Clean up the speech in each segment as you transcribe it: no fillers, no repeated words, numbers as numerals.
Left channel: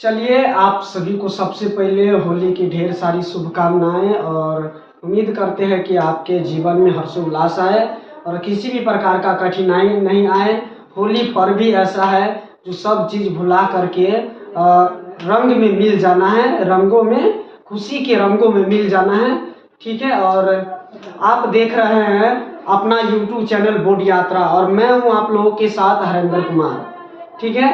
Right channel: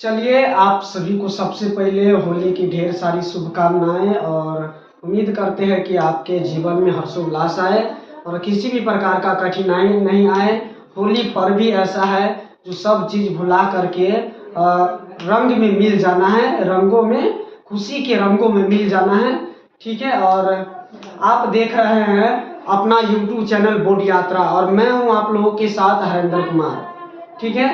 चलिए, आप सभी को सबसे पहले होली की ढेर सारी शुभकामनाएं और उम्मीद करते हैं कि आपके जीवन में हर्षोल्लास आए और किसी भी प्रकार का कठिनाई नहीं आए। होली पर्व भी ऐसा है जो सब चीज़ भुला करके रंग में मिल जाना है, रंगों में, खुशी के रंगों में मिल जाना है। ठीक है, और आप देख रहे हैं अपना YouTube चैनल बोध यात्रा और मैं हूं आप लोगों के साथ हरेंद्र कुमार। ठीक है,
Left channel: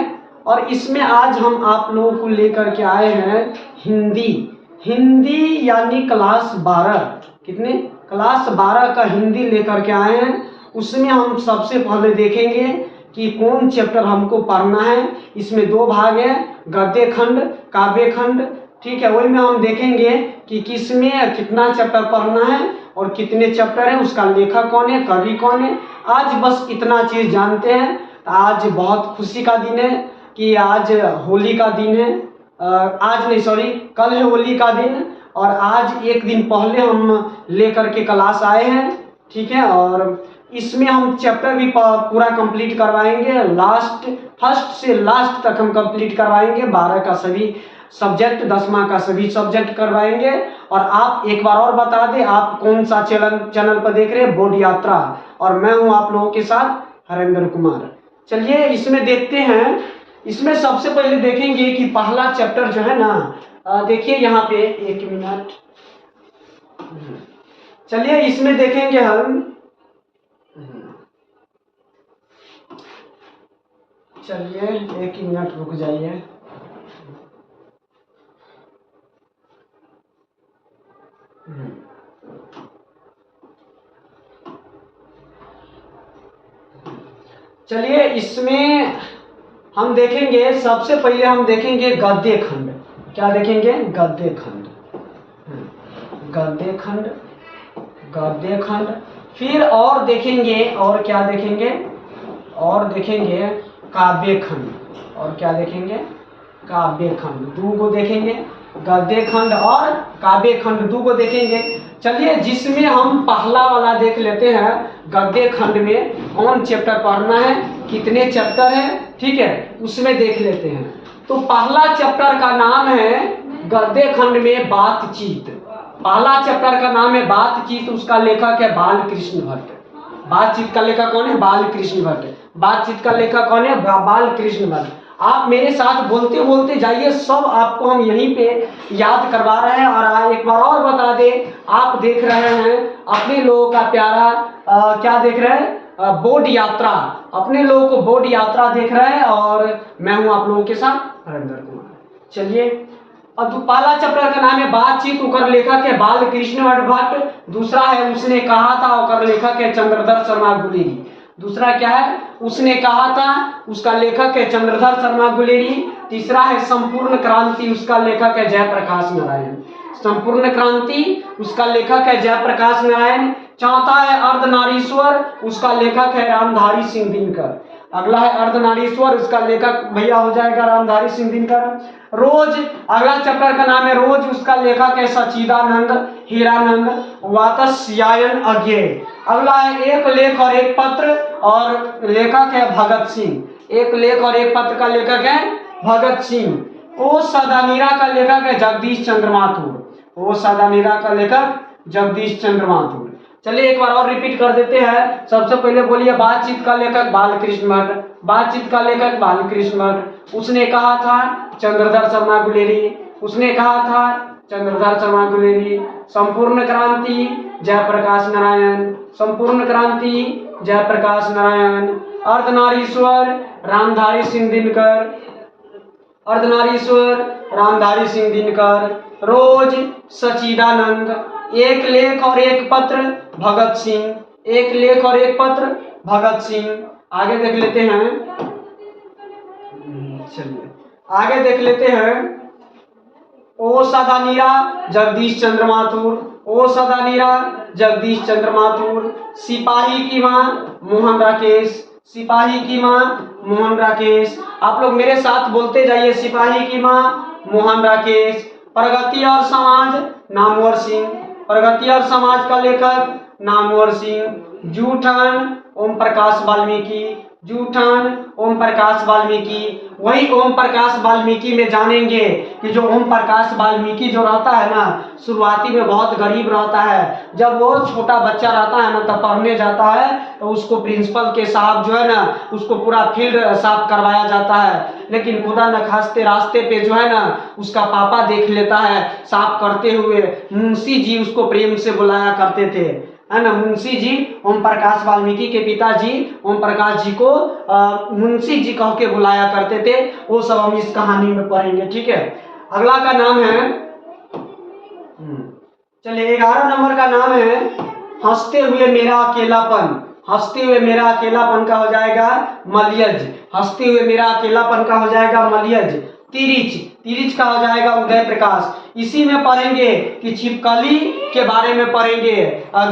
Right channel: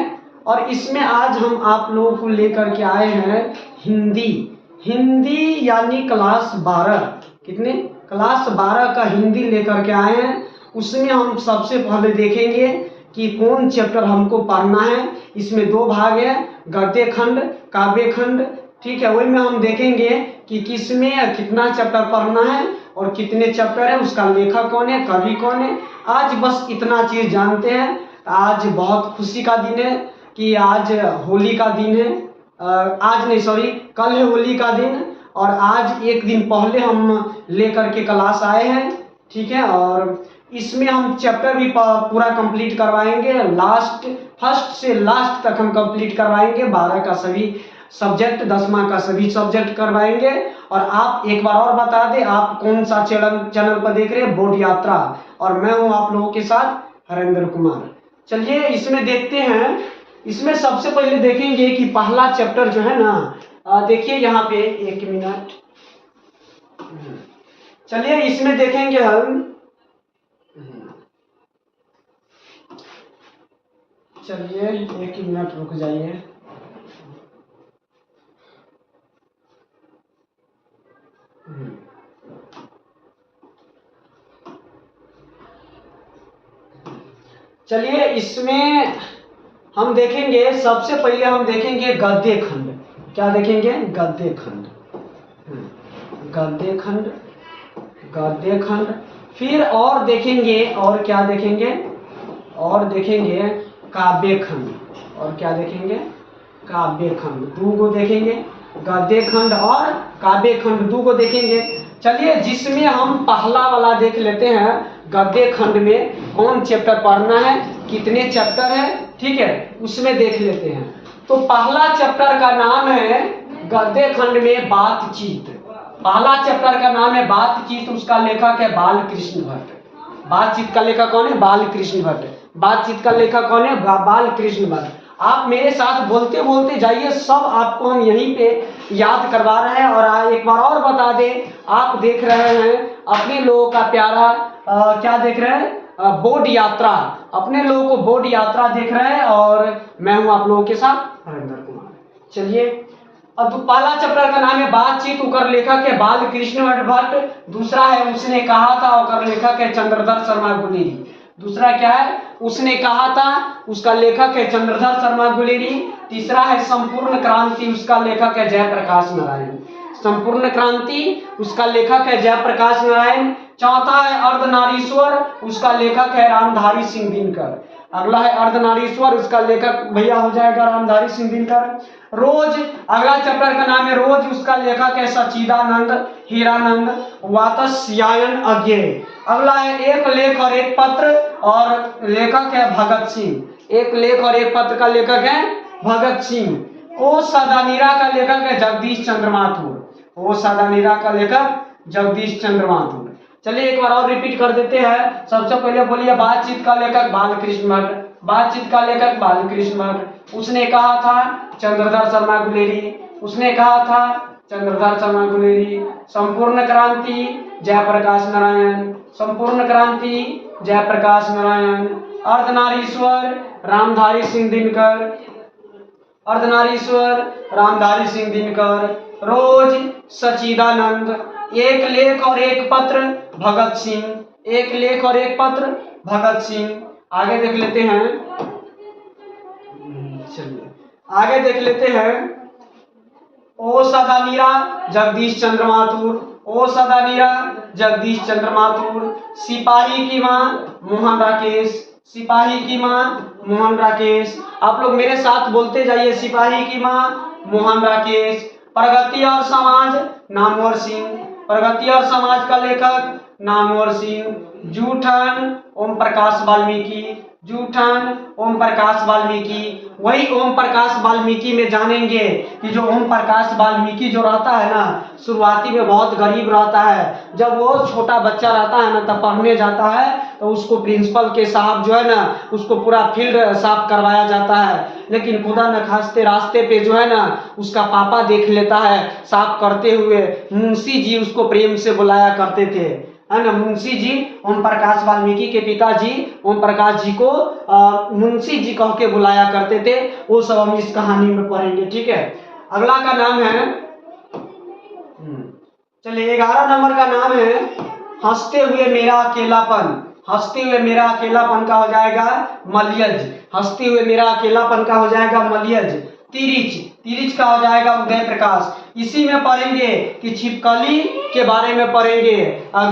और इसमें आज हम आप लोगों को लेकर के आए हैं हिंदी यानी क्लास 12। कितने? क्लास 12 का हिंदी लेकर के आए हैं। उसमें हम सबसे पहले देखेंगे कि कौन चैप्टर हमको पढ़ना है। इसमें 2 भाग हैं, गद्य खंड, काव्य खंड। ठीक है, वही में हम देखेंगे कि किसमें कितना चैप्टर पढ़ना है और कितने चैप्टर है, उसका लेखक कौन है, कवि कौन है। आज बस इतना चीज़ जानते हैं। आज बहुत खुशी का दिन है कि आज होली का दिन है। आज नहीं, सॉरी, कल है होली का दिन और आज एक दिन पहले हम लेकर के क्लास आए हैं। ठीक है, और इसमें हम चैप्टर भी पूरा कंप्लीट करवाएंगे। फर्स्ट से लास्ट तक हम कंप्लीट करवाएंगे। 12 का सभी सब्जेक्ट, 10वां का सभी सब्जेक्ट करवाएंगे। और आप एक बार और बता दें, आप कौन सा चैनल पर देख रहे हैं? बोध यात्रा, और मैं हूं आप लोगों के साथ हरेंद्र कुमार। चलिए इसमें देखते हैं। इसमें सबसे पहले देखेंगे कि पहला चैप्टर जो है ना, देखिए यहाँ पे, एक मिनट। चलिए इसमें देखेंगे हम। चलिए एक मिनट रुक जाइए। चलिए इसमें हम देखेंगे, सबसे पहले हम देखेंगे गद्य खंड। क्या देखेंगे? गद्य खंड, गद्य खंड, गद्य खंड। फिर और देखेंगे, और क्या देखेंगे? और देखेंगे काव्य खंड। और क्या देखेंगे? काव्य खंड। 2 को देखेंगे, गद्य खंड और काव्य खंड 2 को देखेंगे। चलिए जिसमें हम पहला वाला देख लेते हैं, गद्य खंड में कौन चैप्टर पढ़ना है, कितने चैप्टर है। ठीक है, उसमें देख लेते हैं। तो पहला चैप्टर का नाम है गद्य खंड में बातचीत। पहला चैप्टर का नाम है बातचीत, उसका लेखक है बालकृष्ण भट्ट। बातचीत का लेखक कौन है? बालकृष्ण भट्ट। बातचीत का लेखक कौन है? बालकृष्ण भट्ट। आप मेरे साथ बोलते बोलते जाइए, सब आपको हम यहीं पे याद करवा रहे हैं। और एक बार और बता दें, आप देख रहे हैं अपने लोगों का प्यारा क्या देख रहे हैं? बोध यात्रा। अपने लोगों को बोध यात्रा देख रहे हैं और मैं हूं आप लोगों के साथ हरेंद्र कुमार। चलिए, अब पहला चैप्टर का नाम है बातचीत, उकर लेखक है बालकृष्ण भट्ट। दूसरा है उसने कहा था, उकर लेखक है चंद्रधर शर्मा गुलेरी। दूसरा क्या है? उसने कहा था, उसका लेखक है चंद्रधर शर्मा गुलेरी। तीसरा है संपूर्ण क्रांति, उसका लेखक है जयप्रकाश नारायण। संपूर्ण क्रांति, उसका लेखक है जयप्रकाश नारायण। चौथा है अर्धनारीश्वर, उसका लेखक है रामधारी सिंह दिनकर। अगला है अर्धनारीश्वर, उसका लेखक भैया हो जाएगा रामधारी सिंह दिनकर। रोज, अगला चैप्टर का नाम है रोज, उसका लेखक है सच्चिदानंद हीरानंद वात्स्यायन अज्ञेय। अगला है एक लेख और एक पत्र, और लेखक है भगत सिंह। एक लेख और एक पत्र का लेखक है भगत सिंह। ओ सदानीरा का लेखक है जगदीश चंद्र माथुर। ओ सदानीरा का लेखक जगदीश चंद्र माथुर। चलिए एक बार और रिपीट कर देते हैं। सबसे पहले बोलिए, बातचीत का लेखक बालकृष्ण भट्ट। बातचीत का लेखक बालकृष्ण भट्ट। उसने कहा था चंद्रधर शर्मा गुलेरी। उसने कहा था चंद्रधर शर्मा गुलेरी। संपूर्ण क्रांति जयप्रकाश नारायण। संपूर्ण क्रांति जयप्रकाश नारायण। अर्धनारीश्वर रामधारी सिंह दिनकर। अर्धनारीश्वर रामधारी सिंह दिनकर। रोज सच्चिदानंद। एक लेख और एक पत्र भगत सिंह। एक लेख और एक पत्र भगत सिंह। आगे देख लेते हैं। चलिए आगे देख लेते हैं। ओ सदानीरा जगदीश चंद्र माथुर। ओ सदानीरा जगदीश चंद्र माथुर। सिपाही की मां मोहन राकेश। सिपाही की मां मोहन राकेश। आप लोग मेरे साथ बोलते जाइए, सिपाही की मां मोहन राकेश। प्रगति और समाज नामवर सिंह। प्रगति और समाज का लेखक नामवर सिंह। जूठन ओम प्रकाश वाल्मीकि, जूठन ओम प्रकाश वाल्मीकि। वही ओम प्रकाश वाल्मीकि में जानेंगे कि जो ओम प्रकाश वाल्मीकि जो रहता है ना, शुरुआती में बहुत गरीब रहता है। जब वो छोटा बच्चा रहता है ना, तब पढ़ने जाता है तो उसको प्रिंसिपल के साहब जो है ना, उसको पूरा फील्ड साफ करवाया जाता है। लेकिन खुदा न खास्ते रास्ते पे जो है ना, उसका पापा देख लेता है साफ करते हुए। मुंशी जी उसको प्रेम से बुलाया करते थे, है ना। मुंशी जी, ओम प्रकाश वाल्मीकि के पिताजी ओम प्रकाश जी को मुंशी जी कह के बुलाया करते थे। वो सब हम इस कहानी में पढ़ेंगे, ठीक है। अगला का नाम है, चलिए 11 नंबर का नाम है हंसते हुए मेरा अकेलापन। हंसते हुए मेरा अकेलापन का हो जाएगा मलयज। हंसते हुए मेरा अकेलापन का हो जाएगा मलयज। तिरिच, तिरिच का हो जाएगा उदय प्रकाश। इसी में पढ़ेंगे कि छिपकली के बारे में पढ़ेंगे।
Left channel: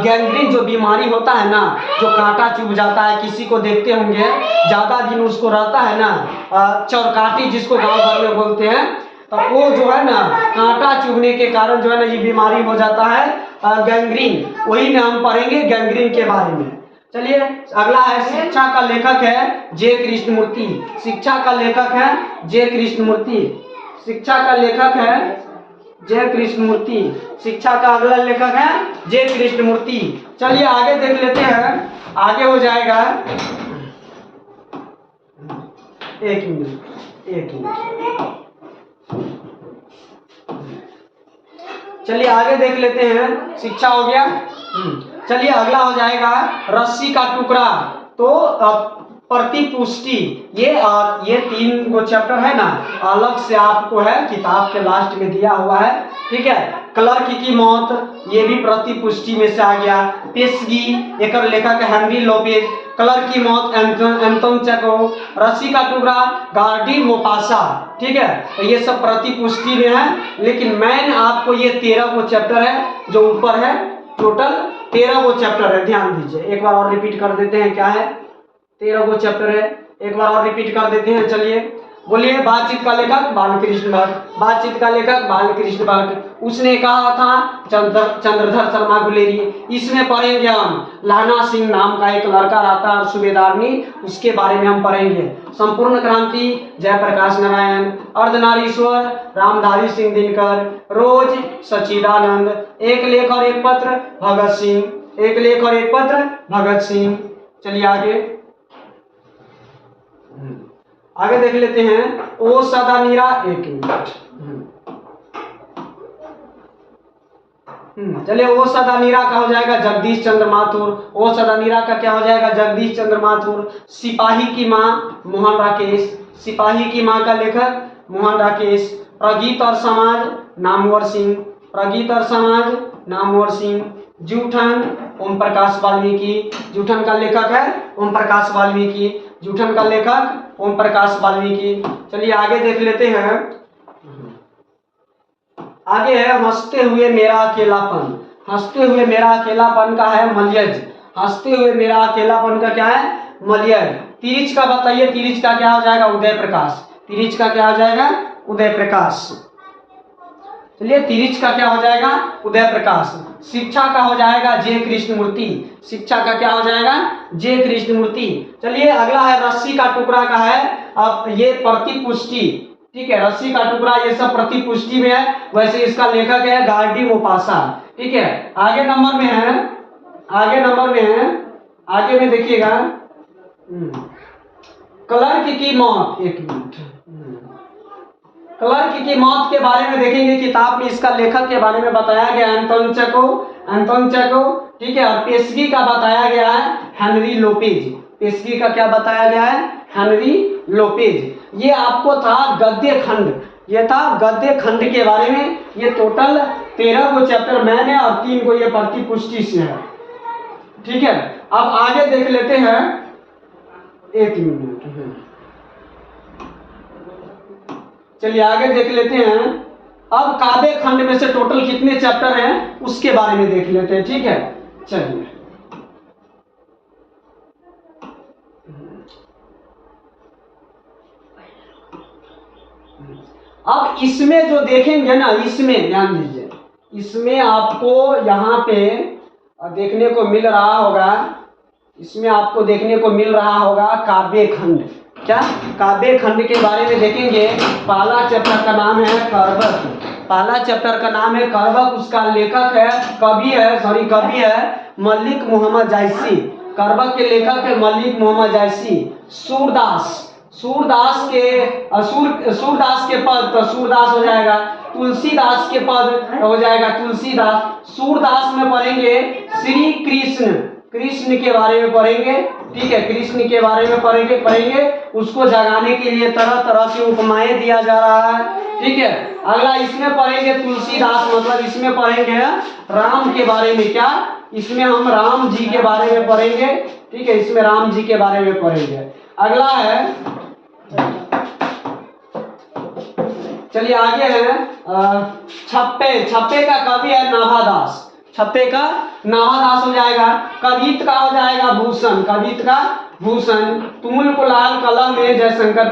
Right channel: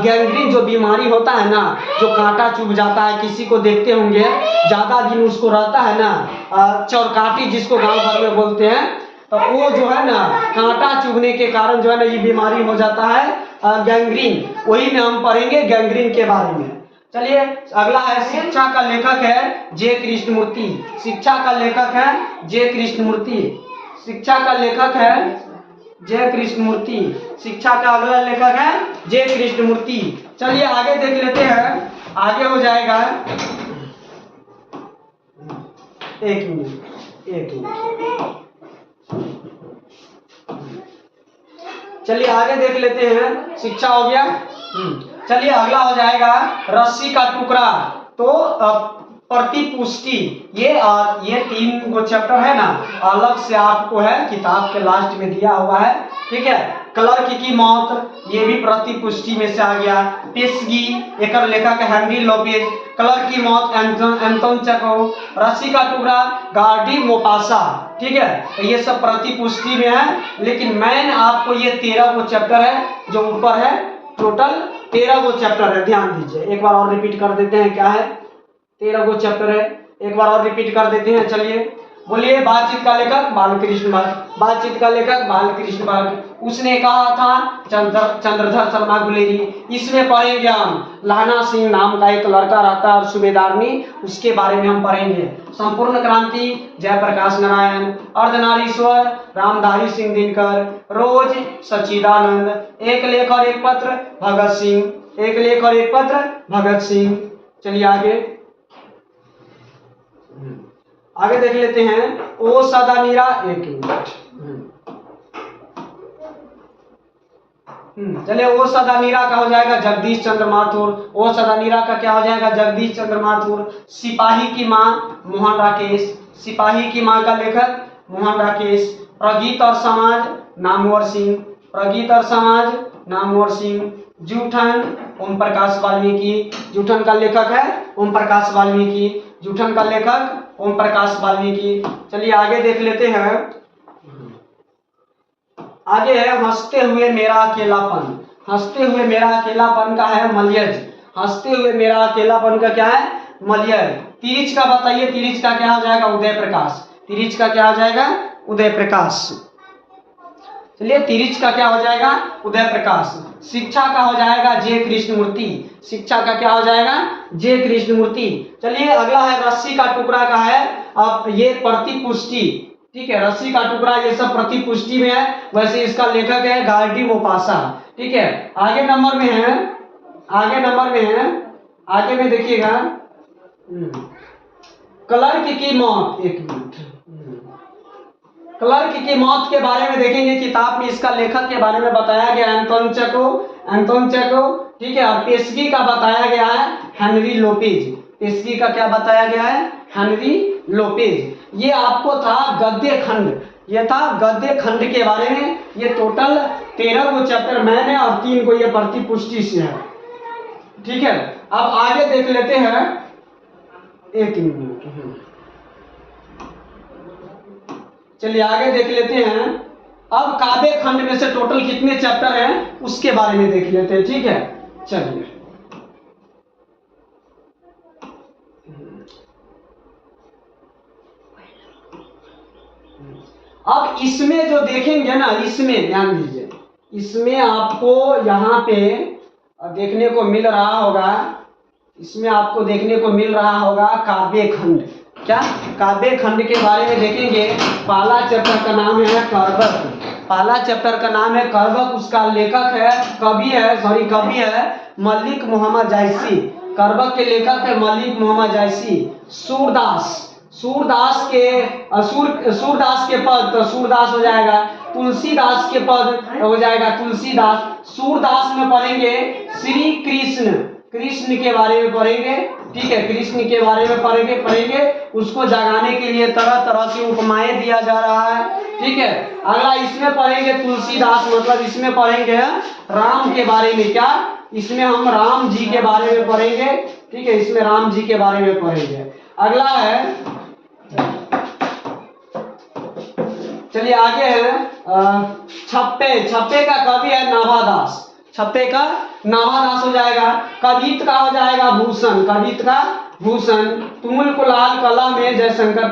गैंग्रीन जो बीमारी होता है ना, जो कांटा चुभ जाता है, किसी को देखते होंगे ज्यादा दिन उसको रहता है ना, चौरकाटी जिसको गांव भर में बोलते हैं, तो वो जो है ना कांटा चुभने के कारण जो है ना ये बीमारी हो जाता है गैंग्रीन। वही में हम पढ़ेंगे गैंग्रीन के बारे में। चलिए अगला है शिक्षा का लेखक है जे कृष्णमूर्ति। शिक्षा का लेखक है जे कृष्णमूर्ति। शिक्षा का लेखक है जे कृष्णमूर्ति। शिक्षा का अगला लेखक है जे कृष्णमूर्ति। चलिए आगे देख लेते हैं। आगे हो जाएगा, एक मिनट एक मिनट, चलिए आगे देख लेते हैं। शिक्षा हो गया। चलिए अगला हो जाएगा रस्सी का टुकड़ा। तो प्रतिपुष्टि, ये 3 गो चैप्टर है ना, अलग से आपको है किताब के लास्ट में दिया हुआ है, ठीक है। क्लर्क की मौत, ये भी प्रतिपुष्टि में से आ गया। पेशगी, एक लेखक हेनरी लोपेज। क्लर्क की मौत एंटोन चेखोव। रस्सी का टुकड़ा गार्डी मोपासा, ठीक है। तो ये सब प्रतिपुष्टि में है। लेकिन मैंने आपको ये 13 गो चैप्टर है जो ऊपर है, टोटल 13 गो चैप्टर है, ध्यान दीजिए। एक बार और रिपीट कर देते हैं, क्या है, 13 गो चैप्टर है। एक बार और रिपीट कर देते हैं। चलिए बोलिए। बातचीत का लेखक बालकृष्ण भट्ट। बातचीत का लेखक बालकृष्ण भट्ट। उसने कहा था चंद्रधर शर्मा गुलेरी। इसमें पढ़ेंगे हम लहना सिंह नाम का एक लड़का रहता है सूबेदारनी, उसके बारे में हम पढ़ेंगे। संपूर्ण क्रांति जयप्रकाश नारायण। अर्धनारीश्वर रामधारी सिंह दिनकर। रोज सच्चिदानंद। एक लेख और एक पत्र भगत सिंह। एक लेख और एक पत्र भगत सिंह। चलिए आगे देख लेते हैं। ओ सदा नीरा, एक मिनट, चलिए ओ सदा नीरा का हो जाएगा जगदीश चंद्र माथुर। ओ सदा नीरा का क्या हो जाएगा, जगदीश चंद्र माथुर। सिपाही की माँ मोहन राकेश। सिपाही की माँ का लेखक मोहन राकेश। प्रगीत और समाज नामवर सिंह। प्रगीत और समाज नामवर सिंह। जूठन ओम प्रकाश वाल्मीकि। जूठन का लेखक है ओम प्रकाश वाल्मीकि। जूठन का लेखक ओम प्रकाश वाल्मीकि। चलिए आगे देख लेते हैं। आगे है हंसते हुए मेरा अकेलापन। हंसते हुए मेरा अकेलापन का है मलयज। हंसते हुए मेरा अकेलापन का क्या है, मलयज। तिरिच का बताइए, तिरिच का क्या हो जाएगा, उदय प्रकाश। तिरिच का क्या हो जाएगा, उदय प्रकाश। चलिए तिरिच का क्या हो जाएगा, उदय प्रकाश। शिक्षा का हो जाएगा जे कृष्णमूर्ति। शिक्षा का क्या हो जाएगा, जे कृष्णमूर्ति। चलिए अगला है रस्सी का टुकड़ा का है, अब ये प्रतिपुष्टि, ठीक है। रस्सी का टुकड़ा ये सब प्रतिपुष्टि में है। वैसे इसका लेखक है गार्डी मोपासा, ठीक है। आगे नंबर में है, आगे नंबर में है, आगे में देखिएगा क्लर्क की मौत। एक मिनट, क्लर्क की मौत के बारे में देखेंगे। किताब में इसका लेखक के बारे में बताया गया एंटोन चेखोव, एंटोन चेखोव, ठीक है। और पेशगी का बताया गया है हेनरी लोपेज। पेशगी का क्या बताया गया है, हेनरी लोपेज। ये आपको था गद्य खंड, ये था गद्य खंड के बारे में। ये टोटल 13 गो चैप्टर मैंने और 3 को ये प्रतिपुष्टि से है, ठीक है। अब आगे देख लेते हैं, एक मिनट, चलिए आगे देख लेते हैं। अब काव्य खंड में से टोटल कितने चैप्टर हैं उसके बारे में देख लेते हैं, ठीक है। चलिए अब इसमें जो देखेंगे ना, इसमें ध्यान दीजिए, इसमें आपको यहाँ पे देखने को मिल रहा होगा इसमें आपको देखने को मिल रहा होगा काव्य खंड। क्या काव्य खंड के बारे में देखेंगे। पहला चैप्टर का नाम है करबक। पहला चैप्टर का नाम है करबक। उसका लेखक है कवि है मलिक मोहम्मद जायसी। करबक के लेखक है मलिक मोहम्मद जायसी। सूरदास के पद तो सूरदास हो जाएगा। तुलसीदास के पद हो जाएगा तुलसीदास। सूरदास में पढ़ेंगे श्री कृष्ण के बारे में पढ़ेंगे। ठीक है, कृष्ण के बारे में पढ़ेंगे। उसको जगाने के लिए तरह तरह की उपमाएं दिया जा रहा है। ठीक है, अगला इसमें पढ़ेंगे तुलसीदास, मतलब इसमें पढ़ेंगे राम के बारे में। क्या इसमें हम राम जी के बारे में पढ़ेंगे। ठीक है, इसमें राम जी के बारे में पढ़ेंगे। अगला है, चलिए आगे है छप्पे का कवि है नाभादास। छप्पे का नाभादास हो जाएगा। कवित का हो जाएगा भूषण। तुमुल को लाल कला में जयशंकर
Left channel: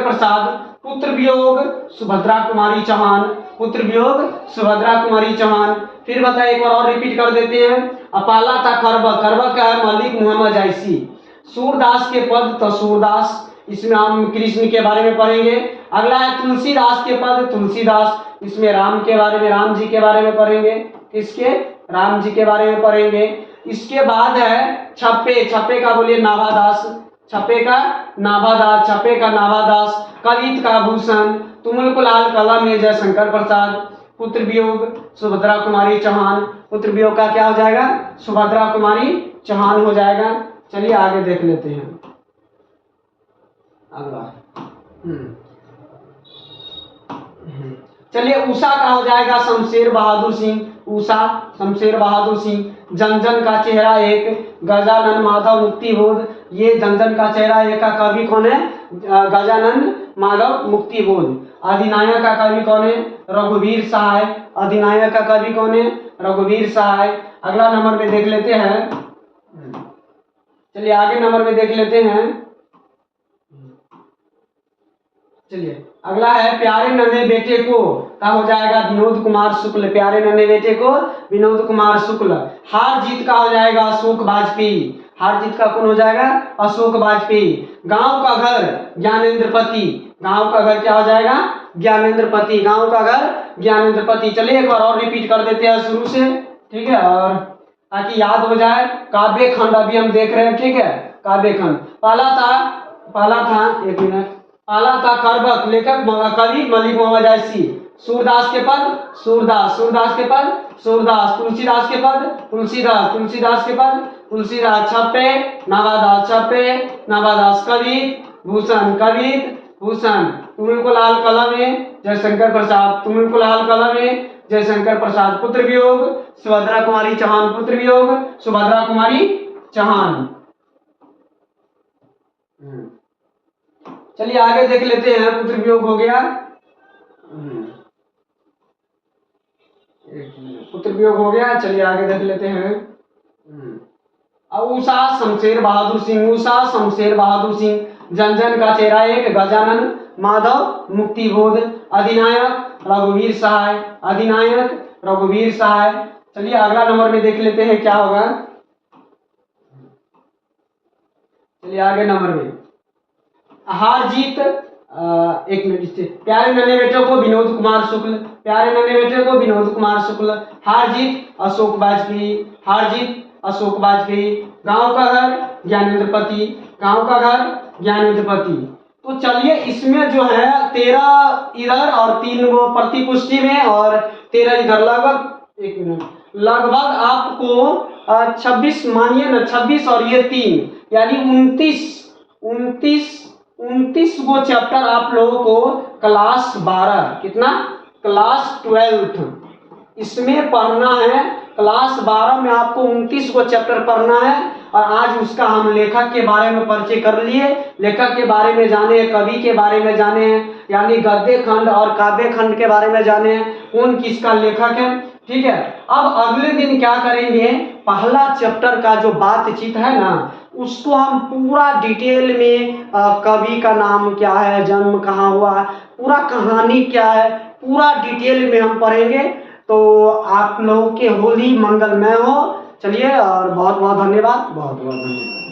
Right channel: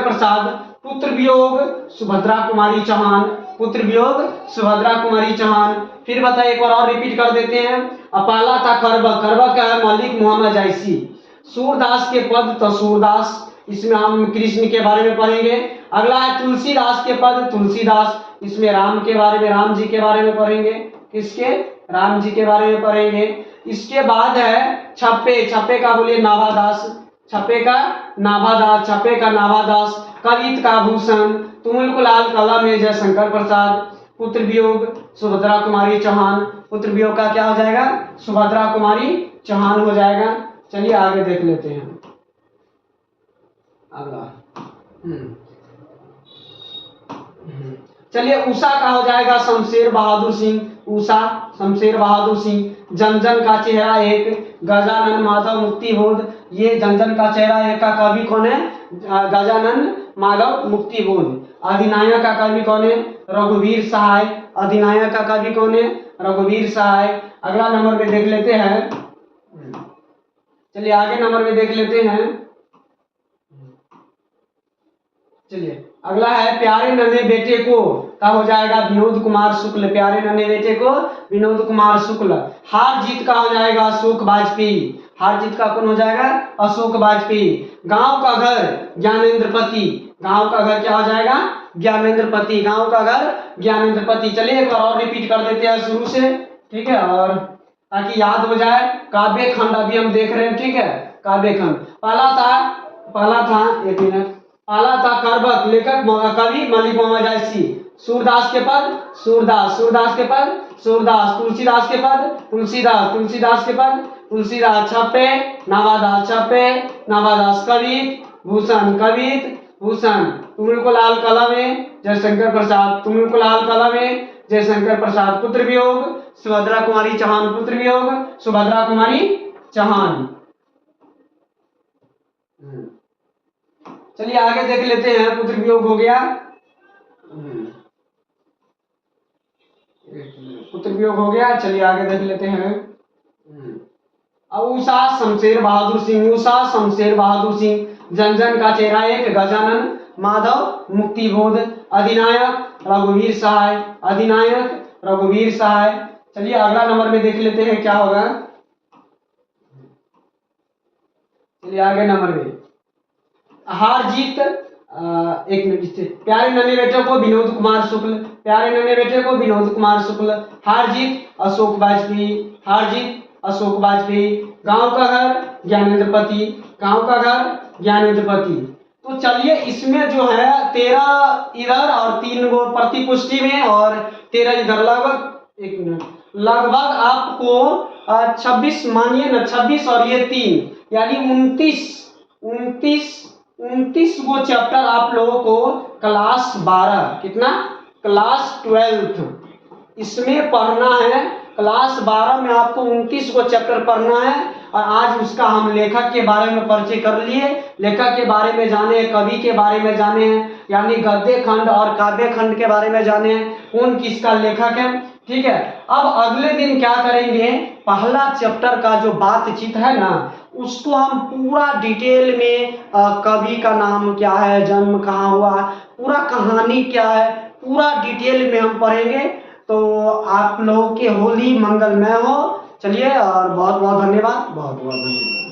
प्रसाद। पुत्र वियोग सुभद्रा कुमारी चौहान। फिर बताइए, एक बार और रिपीट कर देते हैं। अपाला था करबक का है मलिक मोहम्मद जायसी। सूरदास के पद तो सूरदास, इसमें हम कृष्ण के बारे में पढ़ेंगे। अगला है तुलसीदास के पद तुलसीदास, इसमें राम जी के बारे में पढ़ेंगे। किसके? राम जी के बारे में पढ़ेंगे। इसके बाद है छप्पे का बोलिए नाभादास। छप्पे का नाभादास। कवित का भूषण। तुमुल को लाल कलम में जयशंकर प्रसाद। पुत्र वियोग सुभद्रा कुमारी चौहान। पुत्र वियोग का क्या हो जाएगा? सुभद्रा कुमारी चौहान हो जाएगा। चलिए आगे देख लेते हैं। अगला चलिए उषा का हो जाएगा शमशेर बहादुर सिंह। जनजन का चेहरा एक गजानन माधव मुक्तिबोध। ये जनजन का चेहरा एक का कवि कौन है? गजानन माधव मुक्तिबोध। अधिनायक का कवि कौन है? रघुवीर सहाय। अगला नंबर में देख लेते हैं। चलिए आगे नंबर में देख लेते हैं। चलिए अगला है प्यारे नन्हे बेटे को का हो जाएगा विनोद कुमार शुक्ल। प्यारे नन्हे बेटे को विनोद कुमार शुक्ल। हार जीत का हो जाएगा अशोक वाजपेयी। हार जीत का कौन हो जाएगा? अशोक वाजपेयी। गांव का घर ज्ञानेंद्रपति। गांव का घर क्या हो जाएगा? ज्ञानेंद्रपति। गांव का घर ज्ञानेंद्रपति। चलिए एक बार और रिपीट कर देते हैं शुरू से, ठीक है, और ताकि याद हो जाए। काव्य खंड अभी हम देख रहे हैं। ठीक है, काव्य खंड पहला था एक मिनट। पहला था करबक, लेखक कवि मलिक मोहम्मद जायसी। सूरदास के पद सूरदास। तुलसीदास के पद तुलसीदास। छप्पे नाभादास। कवित भूषण। तुमुल को लाल कलम में जयशंकर प्रसाद। पुत्र वियोग सुभद्रा कुमारी चौहान। चलिए आगे देख लेते हैं। पुत्र वियोग हो गया। चलिए आगे देख लेते हैं। उषा शमशेर बहादुर सिंह। जनजन का चेहरा एक गजानन माधव मुक्तिबोध। अधिनायक रघुवीर सहाय। चलिए अगला नंबर में देख लेते हैं क्या होगा। चलिए आगे नंबर में हार जीत एक मिनट। प्यारे नन्हे बेटे को विनोद कुमार शुक्ल। हार जीत अशोक वाजपेयी। गांव का घर ज्ञानेंद्रपति। तो चलिए इसमें जो है 13 इधर और 3 वो प्रतिपुष्टि में और 13 इधर, लगभग आपको 26 मानिए ना, 26 और ये 3 यानी 29 वो चैप्टर आप लोगों को क्लास 12 इसमें पढ़ना है। क्लास 12 में आपको 29 को चैप्टर पढ़ना है। और आज उसका हम लेखक के बारे में परिचय कर लिए। लेखक के बारे में जाने, कवि के बारे में जाने हैं, यानी गद्य खंड और काव्य खंड के बारे में जाने हैं, कौन किसका लेखक है। ठीक है, अब अगले दिन क्या करेंगे, पहला चैप्टर का जो बातचीत है ना, उसको हम पूरा डिटेल में कवि का नाम क्या है, जन्म कहाँ हुआ, पूरा कहानी क्या है, पूरा डिटेल में हम पढ़ेंगे। तो आप लोगों के होली मंगलमय हो। चलिए और बहुत बहुत धन्यवाद, बहुत बहुत धन्यवाद।